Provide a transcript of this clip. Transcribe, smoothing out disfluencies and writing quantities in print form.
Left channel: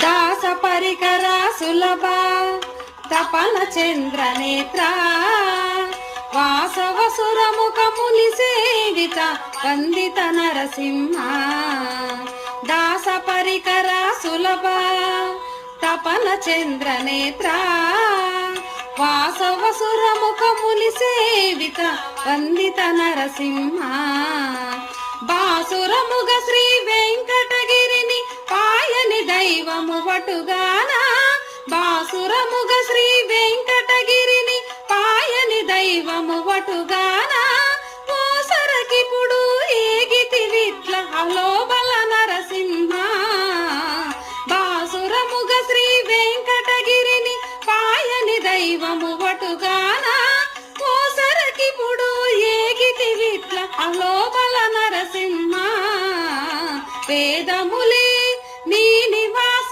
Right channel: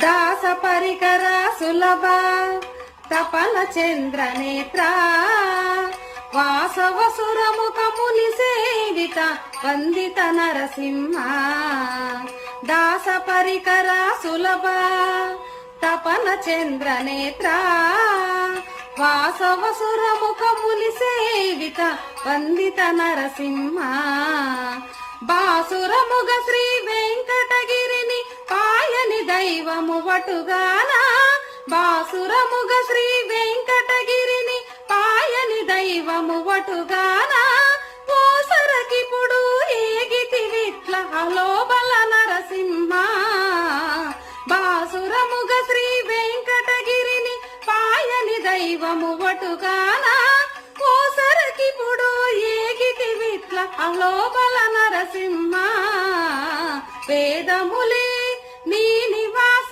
దాస పరికర సులభ తపన చంద్ర నేత్ర వాసవసురముఖ ముని సేవిత వందిత నరసింహ దాస పరికర సులభ తపన చంద్ర నేత్ర వాసవసురముఖ ముని సేవిత వందిత నరసింహ బాసురముగ శ్రీ వెంకటగిరిని పాయని దైవము వటుగాన బాసురముగ శ్రీ వెంకటగిరిని పాయని దైవము వటుగాన ఓసరకిపుడు ఏగితి విట్ల హలో